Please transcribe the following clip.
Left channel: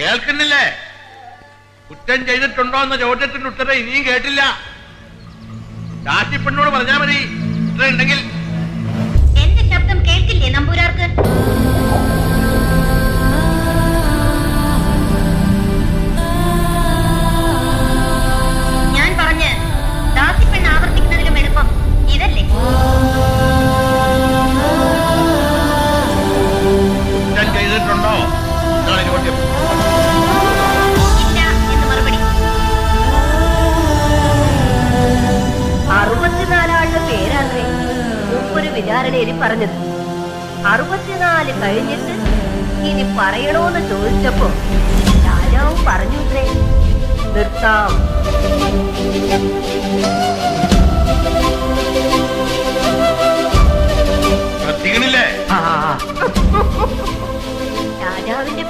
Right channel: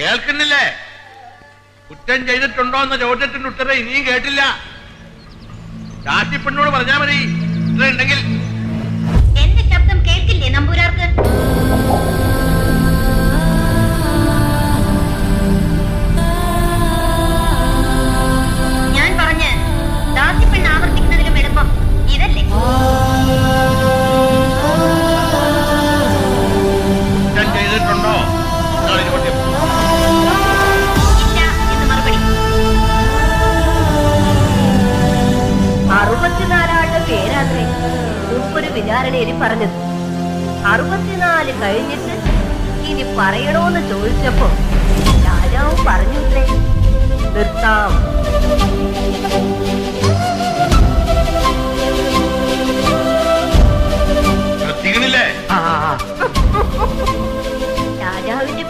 കേൾക്കുന്നില്ലേ? കുറ്റം ചെയ്തിട്ടുണ്ടോ എന്ന ചോദ്യത്തിന്റെ ഉത്തരം ഇനിയും കേട്ടില്ല. രാശിപ്പെണ്ണോട് പറഞ്ഞാ മതി ഇത്ര ഉണ്ടെങ്കിൽ. എന്റെ ശബ്ദം കേൾക്കില്ലേ നമ്പൂരാർക്ക്? ഞാൻ പറഞ്ഞ് ദാസിപ്പെണ്ണ് ആവർത്തിക്കുന്നതിലും എളുപ്പം ഇതല്ലേ? കുറ്റം ചെയ്തിട്ടുണ്ടോ എന്നാണ് ചോദ്യം. ഇല്ല എന്ന് മറുപടി. 64 പേരാത്രേ മുമ്പൊരു വിചാരണയിൽ പറഞ്ഞത്. 64 കഴിഞ്ഞിട്ട് ഇനി പറയണോന്ന് ചോദിച്ചപ്പോ രാജാവും പറഞ്ഞുത്രേ, നിർത്താം. ശ്രദ്ധിക്കണില്ലേ? രാജാവിന്റെ